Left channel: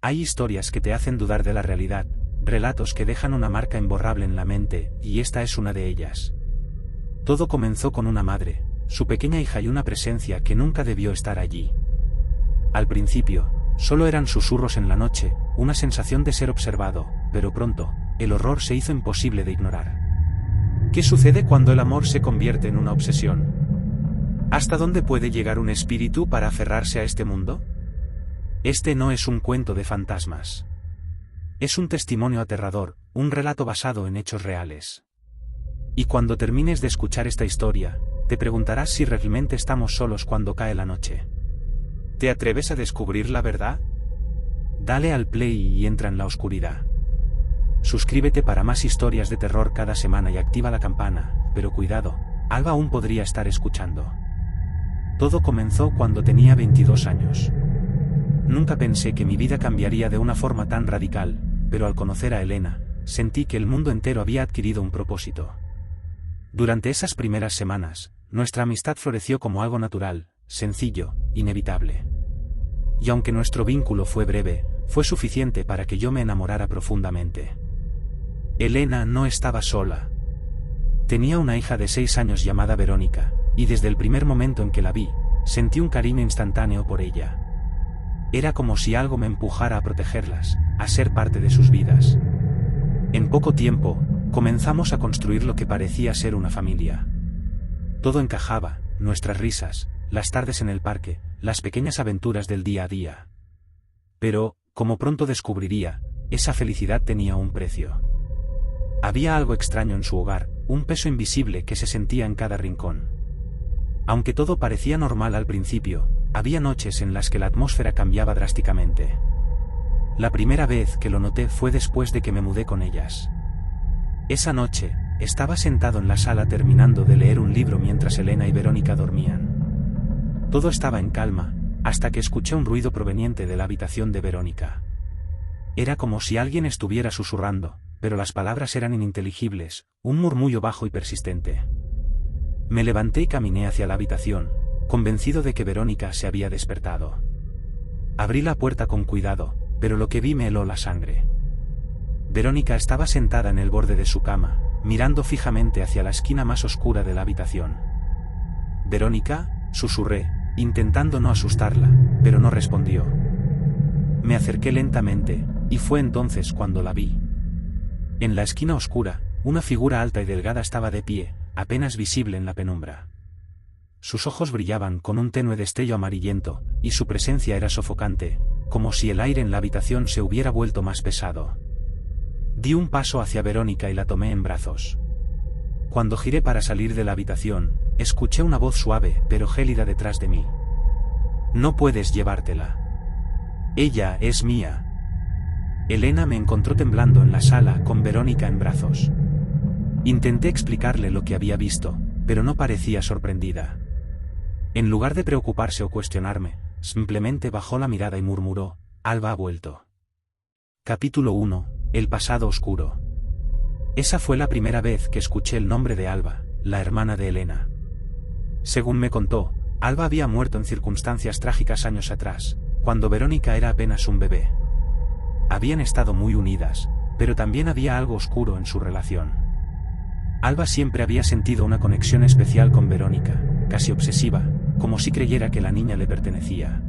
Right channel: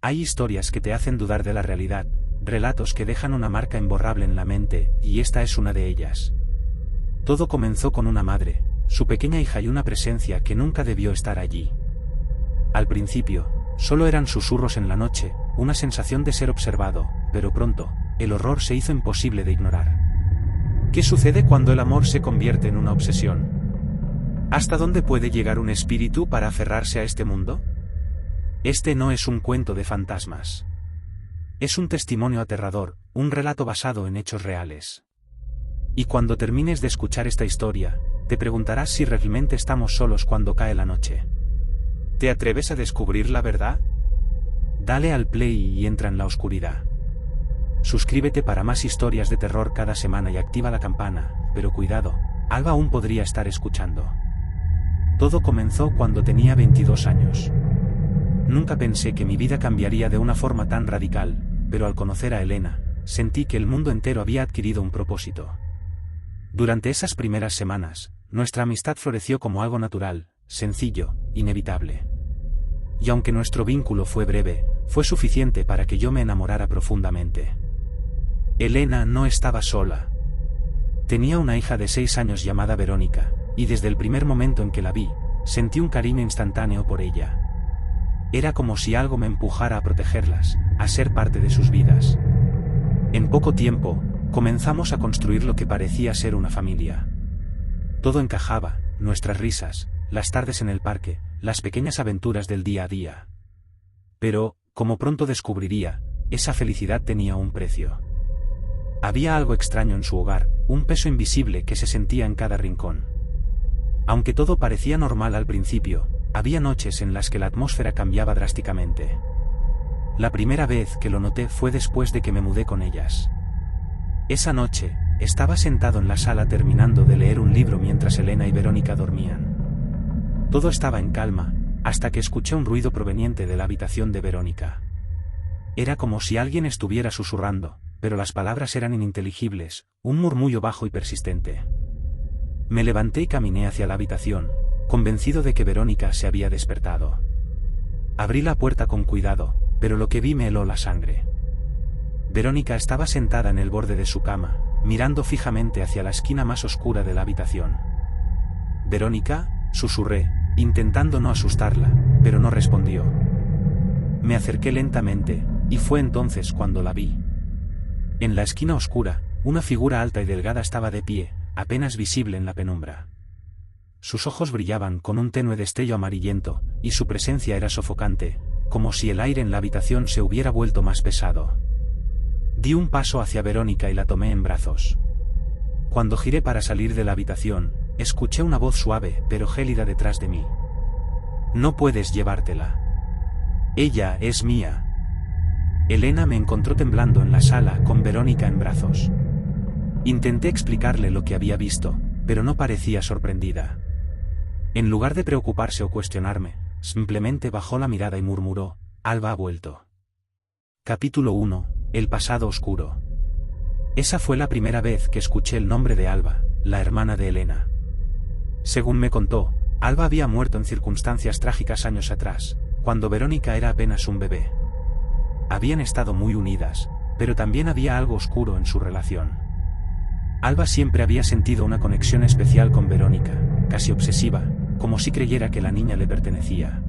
Hay historias que te hacen dudar de la realidad, relatos que dejan una marca imborrable en la mente, y esta es una de ellas. Todo comenzó con una madre, su pequeña hija y una presencia que nunca debió estar allí. Al principio, solo eran susurros en la noche, una sensación de ser observado, pero pronto, el horror se hizo imposible de ignorar. ¿Qué sucede cuando el amor se convierte en una obsesión? ¿Hasta dónde puede llegar un espíritu para aferrarse a este mundo? Este no es un cuento de fantasmas. Es un testimonio aterrador, un relato basado en hechos reales. Y cuando termines de escuchar esta historia, te preguntarás si realmente estamos solos cuando cae la noche. ¿Te atreves a descubrir la verdad? Dale al play y entra en la oscuridad. Suscríbete para más historias de terror cada semana y activa la campana, pero cuidado, Alba aún podría estar escuchando. Todo comenzó cuando tenía 22 años. Nunca pensé que mi vida cambiaría de una forma tan radical, pero al conocer a Elena, sentí que el mundo entero había adquirido un propósito. Durante esas primeras semanas, nuestra amistad floreció como algo natural, sencillo, inevitable. Y aunque nuestro vínculo fue breve, fue suficiente para que yo me enamorara profundamente. Elena no estaba sola. Tenía una hija de 6 años llamada Verónica, y desde el primer momento en que la vi, sentí un cariño instantáneo por ella. Era como si algo me empujara a protegerlas, a ser parte de sus vidas. En poco tiempo, comenzamos a construir lo que parecía ser una familia. Todo encajaba, nuestras risas, las tardes en el parque, las pequeñas aventuras del día a día. Pero, como pronto descubriría, esa felicidad tenía un precio. Había algo extraño en su hogar, un peso invisible que se sentía en cada rincón. Aunque todo parecía normal al principio, había noches en las que la atmósfera cambiaba drásticamente. La primera vez que lo noté fue después de que me mudé con ellas. Esa noche, estaba sentado en la sala terminando de leer un libro mientras Elena y Verónica dormían. Todo estaba en calma, hasta que escuché un ruido proveniente de la habitación de Verónica. Era como si alguien estuviera susurrando, pero las palabras eran ininteligibles, un murmullo bajo y persistente. Me levanté y caminé hacia la habitación, convencido de que Verónica se había despertado. Abrí la puerta con cuidado, pero lo que vi me heló la sangre. Verónica estaba sentada en el borde de su cama, mirando fijamente hacia la esquina más oscura de la habitación. «Verónica», susurré, intentando no asustarla, pero no respondió. Me acerqué lentamente, y fue entonces cuando la vi. En la esquina oscura, una figura alta y delgada estaba de pie, apenas visible en la penumbra. Sus ojos brillaban con un tenue destello amarillento, y su presencia era sofocante, como si el aire en la habitación se hubiera vuelto más pesado. Di un paso hacia Verónica y la tomé en brazos. Cuando giré para salir de la habitación, escuché una voz suave pero gélida detrás de mí. «No puedes llevártela. Ella es mía». Elena me encontró temblando en la sala con Verónica en brazos. Intenté explicarle lo que había visto, pero no parecía sorprendida. En lugar de preocuparse o cuestionarme, simplemente bajó la mirada y murmuró: «Alba ha vuelto». Capítulo 1. El pasado oscuro. Esa fue la primera vez que escuché el nombre de Alba, la hermana de Elena. Según me contó, Alba había muerto en circunstancias trágicas años atrás, cuando Verónica era apenas un bebé. Habían estado muy unidas, pero también había algo oscuro en su relación. Alba siempre había sentido una conexión especial con Verónica, casi obsesiva, como si creyera que la niña le pertenecía.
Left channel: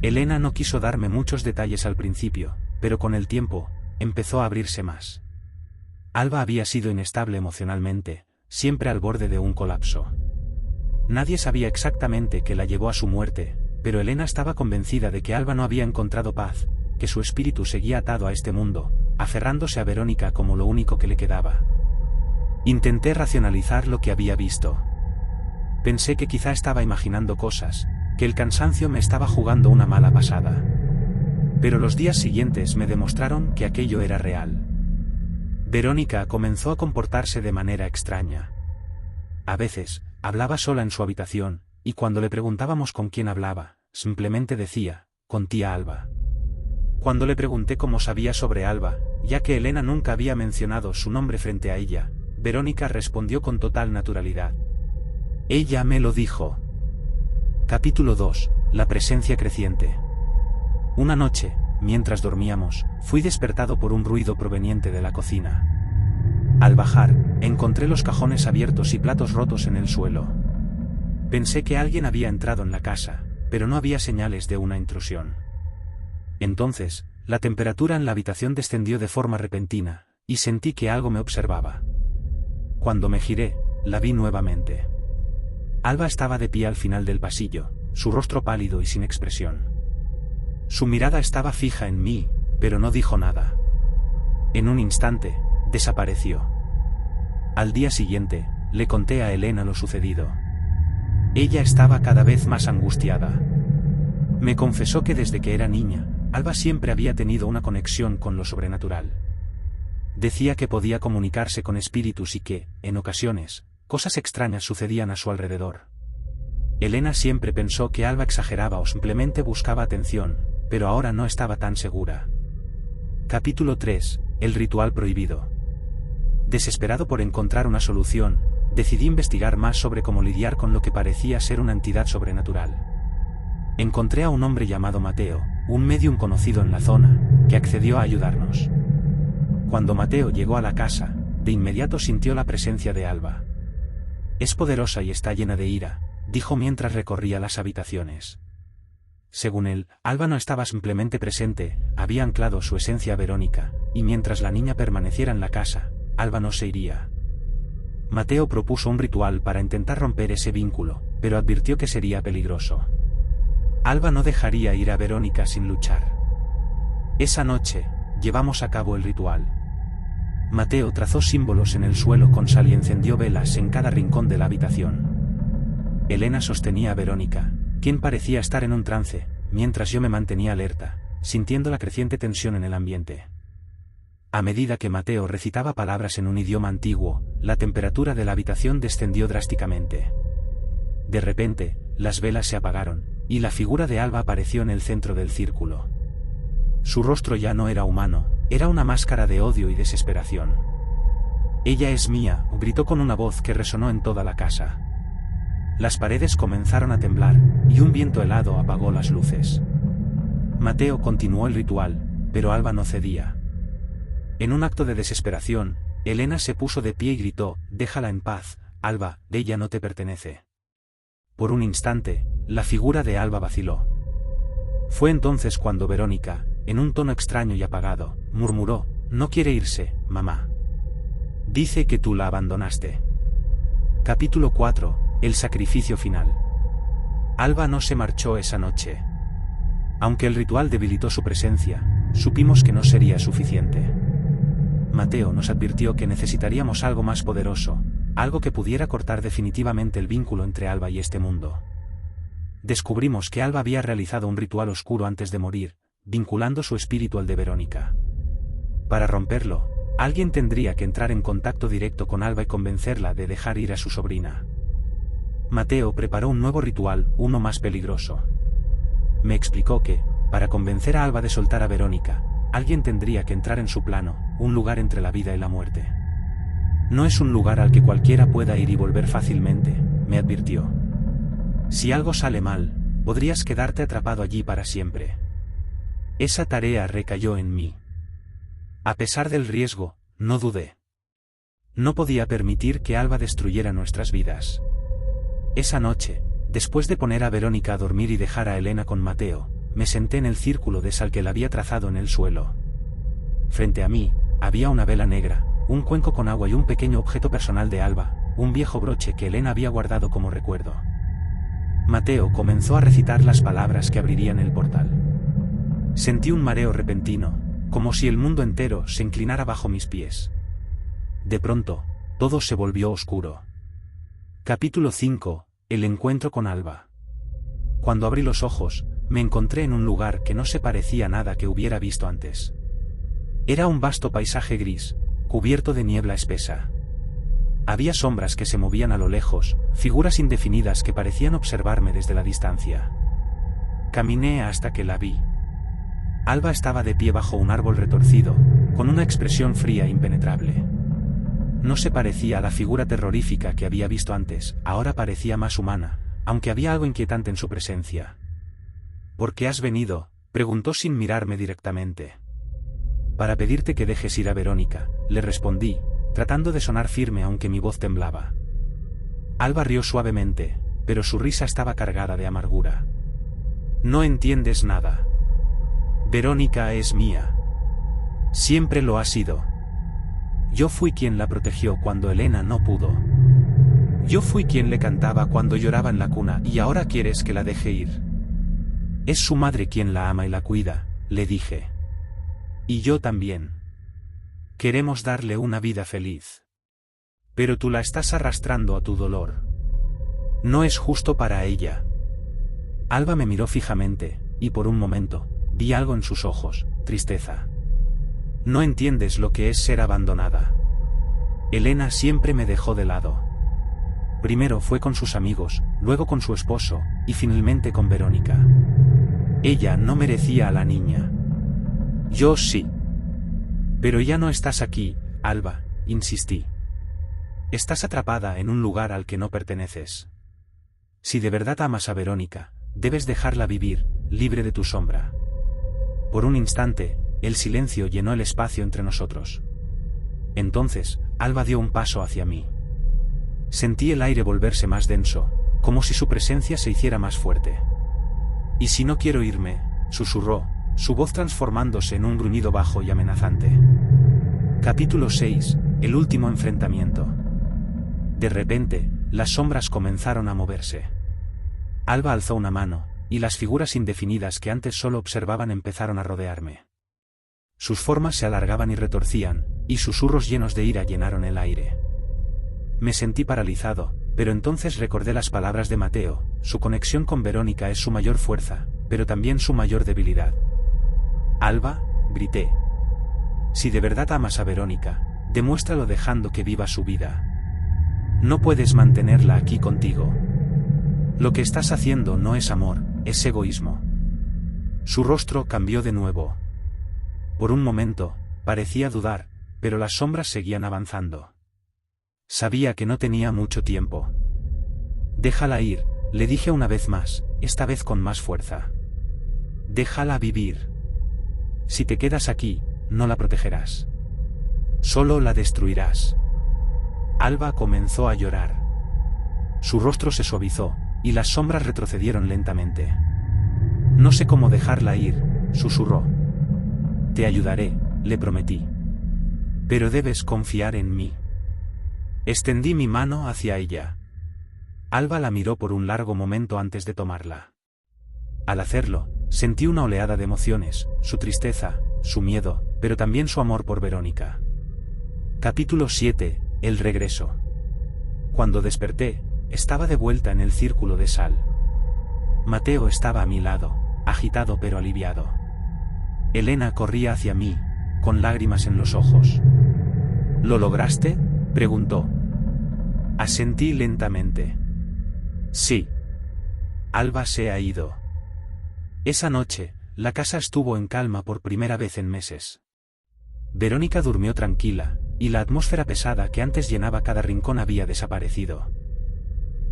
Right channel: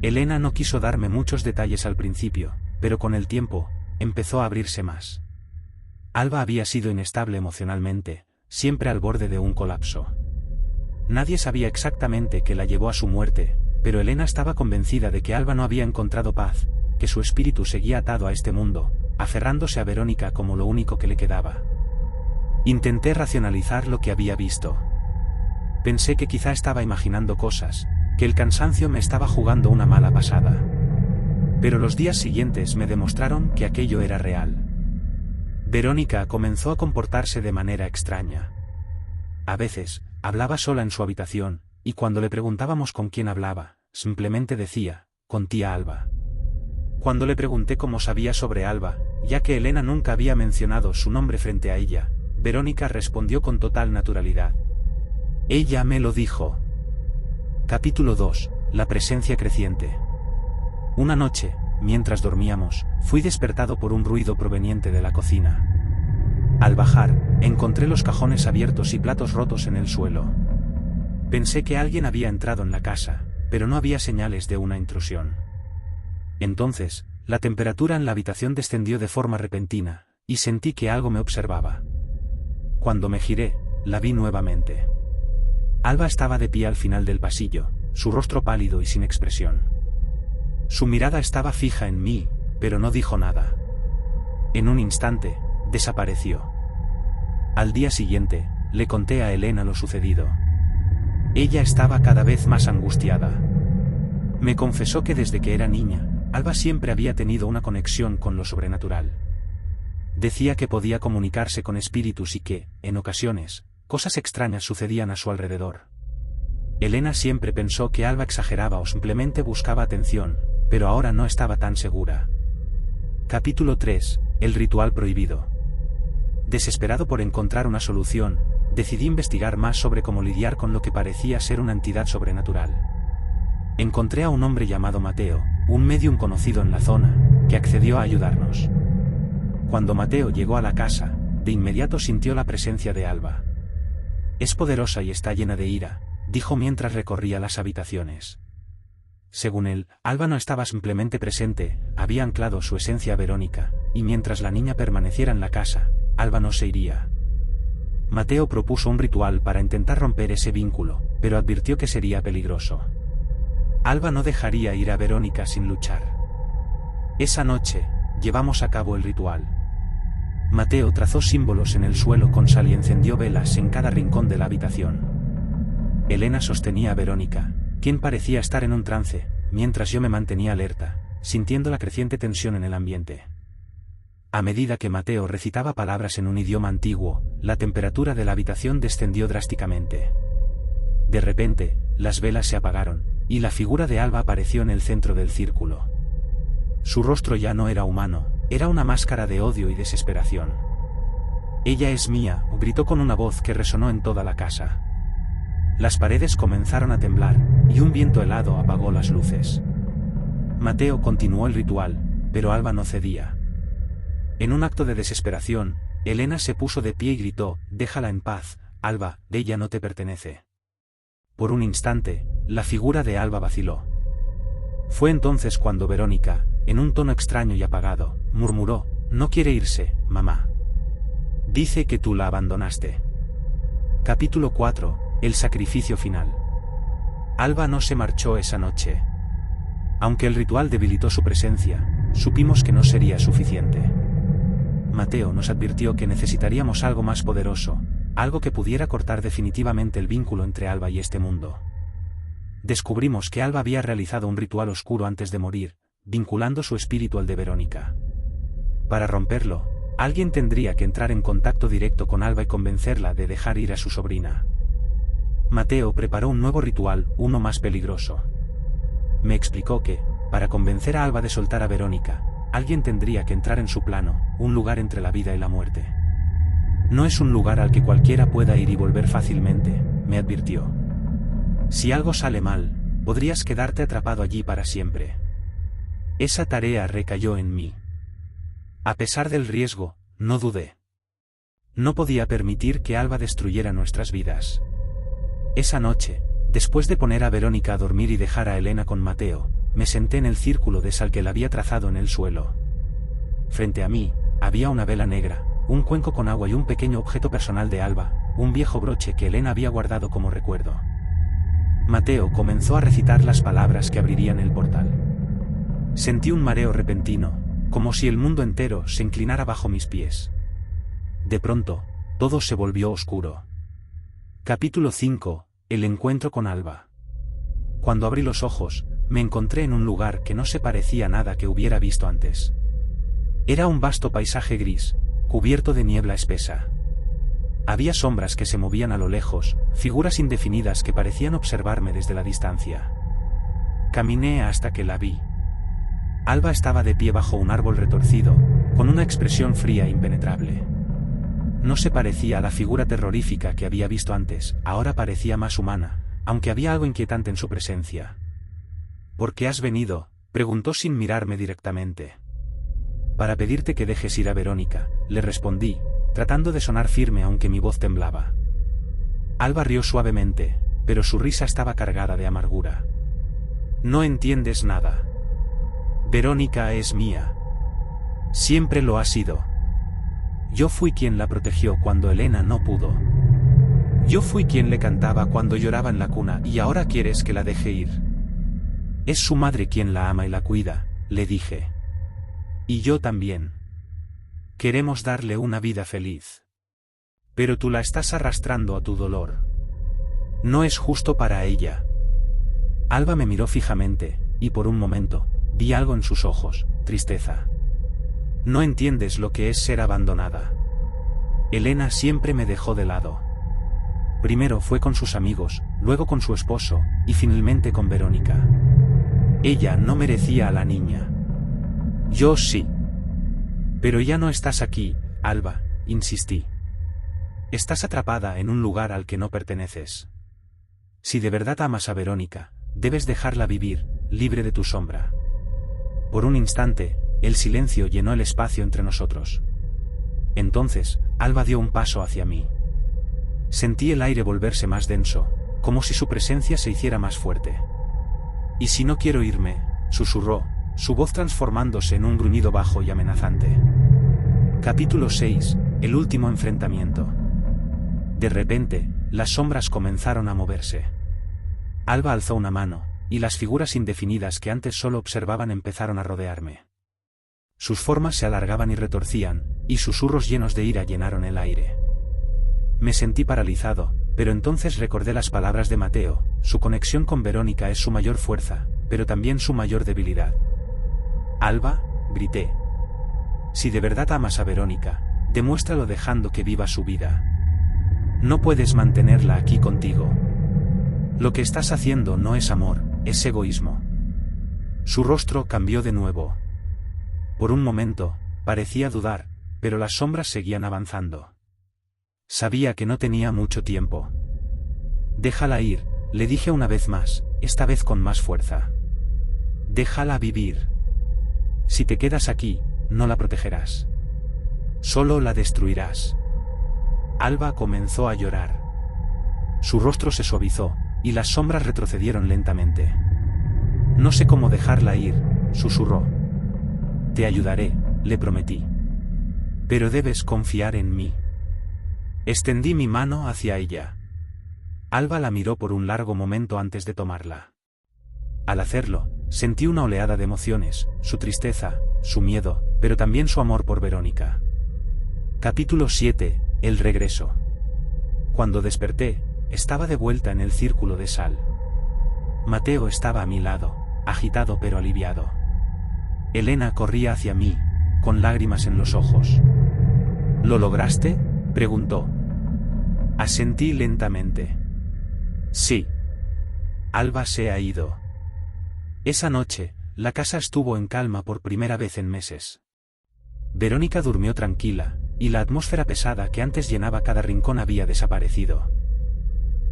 Elena no quiso darme muchos detalles al principio, pero con el tiempo, empezó a abrirse más. Alba había sido inestable emocionalmente, siempre al borde de un colapso. Nadie sabía exactamente qué la llevó a su muerte, pero Elena estaba convencida de que Alba no había encontrado paz, que su espíritu seguía atado a este mundo, aferrándose a Verónica como lo único que le quedaba. Intenté racionalizar lo que había visto. Pensé que quizá estaba imaginando cosas, que el cansancio me estaba jugando una mala pasada. Pero los días siguientes me demostraron que aquello era real. Verónica comenzó a comportarse de manera extraña. A veces, hablaba sola en su habitación, y cuando le preguntábamos con quién hablaba, simplemente decía: «Con tía Alba». Cuando le pregunté cómo sabía sobre Alba, ya que Elena nunca había mencionado su nombre frente a ella, Verónica respondió con total naturalidad: «Ella me lo dijo». Capítulo 2. La presencia creciente. Una noche, mientras dormíamos, fui despertado por un ruido proveniente de la cocina. Al bajar, encontré los cajones abiertos y platos rotos en el suelo. Pensé que alguien había entrado en la casa, pero no había señales de una intrusión. Entonces, la temperatura en la habitación descendió de forma repentina, y sentí que algo me observaba. Cuando me giré, la vi nuevamente. Alba estaba de pie al final del pasillo, su rostro pálido y sin expresión. Su mirada estaba fija en mí, pero no dijo nada. En un instante, desapareció. Al día siguiente, le conté a Elena lo sucedido. Ella estaba cada vez más angustiada. Me confesó que desde que era niña, Alba siempre había tenido una conexión con lo sobrenatural. Decía que podía comunicarse con espíritus y que, en ocasiones, cosas extrañas sucedían a su alrededor. Elena siempre pensó que Alba exageraba o simplemente buscaba atención, pero ahora no estaba tan segura. Capítulo 3. El ritual prohibido. Desesperado por encontrar una solución, decidí investigar más sobre cómo lidiar con lo que parecía ser una entidad sobrenatural. Encontré a un hombre llamado Mateo, un médium conocido en la zona, que accedió a ayudarnos. Cuando Mateo llegó a la casa, de inmediato sintió la presencia de Alba. Es poderosa y está llena de ira, dijo mientras recorría las habitaciones. Según él, Alba no estaba simplemente presente, había anclado su esencia a Verónica, y mientras la niña permaneciera en la casa, Alba no se iría. Mateo propuso un ritual para intentar romper ese vínculo, pero advirtió que sería peligroso. Alba no dejaría ir a Verónica sin luchar. Esa noche, llevamos a cabo el ritual. Mateo trazó símbolos en el suelo con sal y encendió velas en cada rincón de la habitación. Elena sostenía a Verónica, quien parecía estar en un trance, mientras yo me mantenía alerta, sintiendo la creciente tensión en el ambiente. A medida que Mateo recitaba palabras en un idioma antiguo, la temperatura de la habitación descendió drásticamente. De repente, las velas se apagaron, y la figura de Alba apareció en el centro del círculo. Su rostro ya no era humano, era una máscara de odio y desesperación. «Ella es mía», gritó con una voz que resonó en toda la casa. Las paredes comenzaron a temblar, y un viento helado apagó las luces. Mateo continuó el ritual, pero Alba no cedía. En un acto de desesperación, Elena se puso de pie y gritó: «Déjala en paz, Alba, ella no te pertenece». Por un instante, la figura de Alba vaciló. Fue entonces cuando Verónica, en un tono extraño y apagado, murmuró: «No quiere irse, mamá. Dice que tú la abandonaste». Capítulo 4. El sacrificio final. Alba no se marchó esa noche. Aunque el ritual debilitó su presencia, supimos que no sería suficiente. Mateo nos advirtió que necesitaríamos algo más poderoso, algo que pudiera cortar definitivamente el vínculo entre Alba y este mundo. Descubrimos que Alba había realizado un ritual oscuro antes de morir, vinculando su espíritu al de Verónica. Para romperlo, alguien tendría que entrar en contacto directo con Alba y convencerla de dejar ir a su sobrina. Mateo preparó un nuevo ritual, uno más peligroso. Me explicó que, para convencer a Alba de soltar a Verónica, alguien tendría que entrar en su plano, un lugar entre la vida y la muerte. No es un lugar al que cualquiera pueda ir y volver fácilmente, me advirtió. Si algo sale mal, podrías quedarte atrapado allí para siempre. Esa tarea recayó en mí. A pesar del riesgo, no dudé. No podía permitir que Alba destruyera nuestras vidas. Esa noche, después de poner a Verónica a dormir y dejar a Elena con Mateo, me senté en el círculo de sal que él había trazado en el suelo. Frente a mí, había una vela negra, un cuenco con agua y un pequeño objeto personal de Alba, un viejo broche que Elena había guardado como recuerdo. Mateo comenzó a recitar las palabras que abrirían el portal. Sentí un mareo repentino, como si el mundo entero se inclinara bajo mis pies. De pronto, todo se volvió oscuro. Capítulo 5. El encuentro con Alba. Cuando abrí los ojos, me encontré en un lugar que no se parecía a nada que hubiera visto antes. Era un vasto paisaje gris, cubierto de niebla espesa. Había sombras que se movían a lo lejos, figuras indefinidas que parecían observarme desde la distancia. Caminé hasta que la vi. Alba estaba de pie bajo un árbol retorcido, con una expresión fría e impenetrable. No se parecía a la figura terrorífica que había visto antes, ahora parecía más humana, aunque había algo inquietante en su presencia. «¿Por qué has venido?», Preguntó sin mirarme directamente. Para pedirte que dejes ir a Verónica, le respondí, tratando de sonar firme aunque mi voz temblaba. Alba rió suavemente, pero su risa estaba cargada de amargura. No entiendes nada. Verónica es mía. Siempre lo ha sido. Yo fui quien la protegió cuando Elena no pudo. Yo fui quien le cantaba cuando lloraba en la cuna y ahora quieres que la deje ir. Es su madre quien la ama y la cuida, le dije. Y yo también. Queremos darle una vida feliz. Pero tú la estás arrastrando a tu dolor. No es justo para ella. Alba me miró fijamente, y por un momento, vi algo en sus ojos, tristeza. No entiendes lo que es ser abandonada. Elena siempre me dejó de lado. Primero fue con sus amigos, luego con su esposo, y finalmente con Verónica. Ella no merecía a la niña. Yo sí. Pero ya no estás aquí, Alba, insistí. Estás atrapada en un lugar al que no perteneces. Si de verdad amas a Verónica, debes dejarla vivir, libre de tu sombra. Por un instante, el silencio llenó el espacio entre nosotros. Entonces, Alba dio un paso hacia mí. Sentí el aire volverse más denso, como si su presencia se hiciera más fuerte. «¿Y si no quiero irme?», susurró, su voz transformándose en un gruñido bajo y amenazante. Capítulo 6. El último enfrentamiento. De repente, las sombras comenzaron a moverse. Alba alzó una mano, y las figuras indefinidas que antes solo observaban empezaron a rodearme. Sus formas se alargaban y retorcían, y susurros llenos de ira llenaron el aire. Me sentí paralizado, pero entonces recordé las palabras de Mateo: su conexión con Verónica es su mayor fuerza, pero también su mayor debilidad. «Alba», grité. «Si de verdad amas a Verónica, demuéstralo dejando que viva su vida. No puedes mantenerla aquí contigo. Lo que estás haciendo no es amor, es egoísmo». Su rostro cambió de nuevo. Por un momento, parecía dudar, pero las sombras seguían avanzando. Sabía que no tenía mucho tiempo. «Déjala ir», le dije una vez más, esta vez con más fuerza. «Déjala vivir. Si te quedas aquí, no la protegerás. Solo la destruirás». Alba comenzó a llorar. Su rostro se suavizó, y las sombras retrocedieron lentamente. «No sé cómo dejarla ir», susurró. «Te ayudaré», le prometí. «Pero debes confiar en mí». Extendí mi mano hacia ella. Alba la miró por un largo momento antes de tomarla. Al hacerlo, sentí una oleada de emociones, su tristeza, su miedo, pero también su amor por Verónica. Capítulo 7. El regreso. Cuando desperté, estaba de vuelta en el círculo de sal. Mateo estaba a mi lado, agitado pero aliviado. Elena corría hacia mí, con lágrimas en los ojos. «¿Lo lograste?», preguntó. Asentí lentamente. «Sí. Alba se ha ido». Esa noche, la casa estuvo en calma por primera vez en meses. Verónica durmió tranquila, y la atmósfera pesada que antes llenaba cada rincón había desaparecido.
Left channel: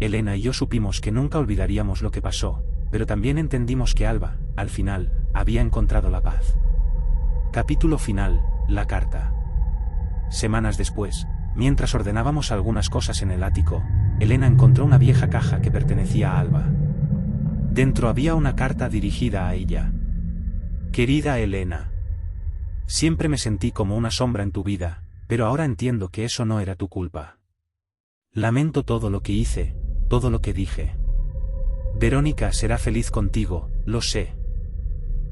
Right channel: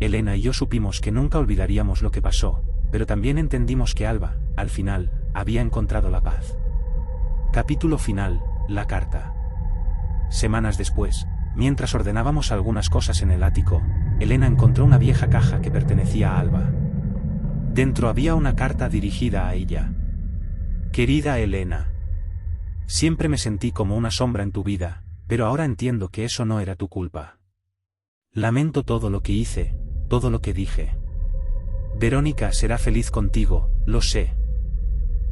Elena y yo supimos que nunca olvidaríamos lo que pasó, pero también entendimos que Alba, al final, había encontrado la paz. Capítulo final. La carta. Semanas después, mientras ordenábamos algunas cosas en el ático, Elena encontró una vieja caja que pertenecía a Alba. Dentro había una carta dirigida a ella. «Querida Elena. Siempre me sentí como una sombra en tu vida, pero ahora entiendo que eso no era tu culpa. Lamento todo lo que hice, todo lo que dije. Verónica será feliz contigo, lo sé.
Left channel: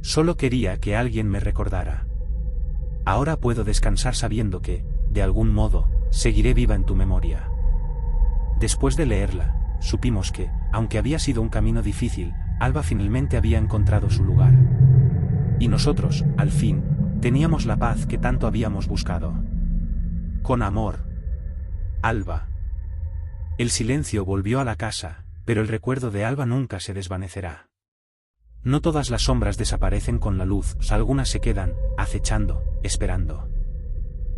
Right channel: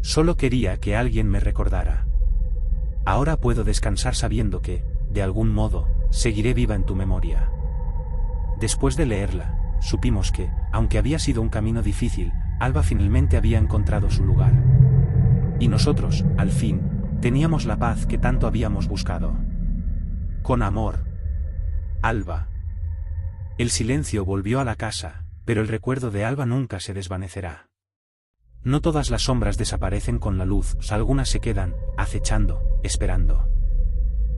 Solo quería que alguien me recordara. Ahora puedo descansar sabiendo que, de algún modo, seguiré viva en tu memoria». Después de leerla, supimos que, aunque había sido un camino difícil, Alba finalmente había encontrado su lugar. Y nosotros, al fin, teníamos la paz que tanto habíamos buscado. Con amor. Alba. El silencio volvió a la casa, pero el recuerdo de Alba nunca se desvanecerá. No todas las sombras desaparecen con la luz, algunas se quedan, acechando, esperando.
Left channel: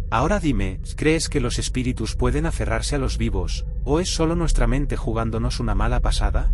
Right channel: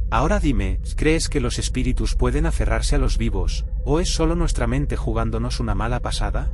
Ahora dime, ¿crees que los espíritus pueden aferrarse a los vivos, o es solo nuestra mente jugándonos una mala pasada?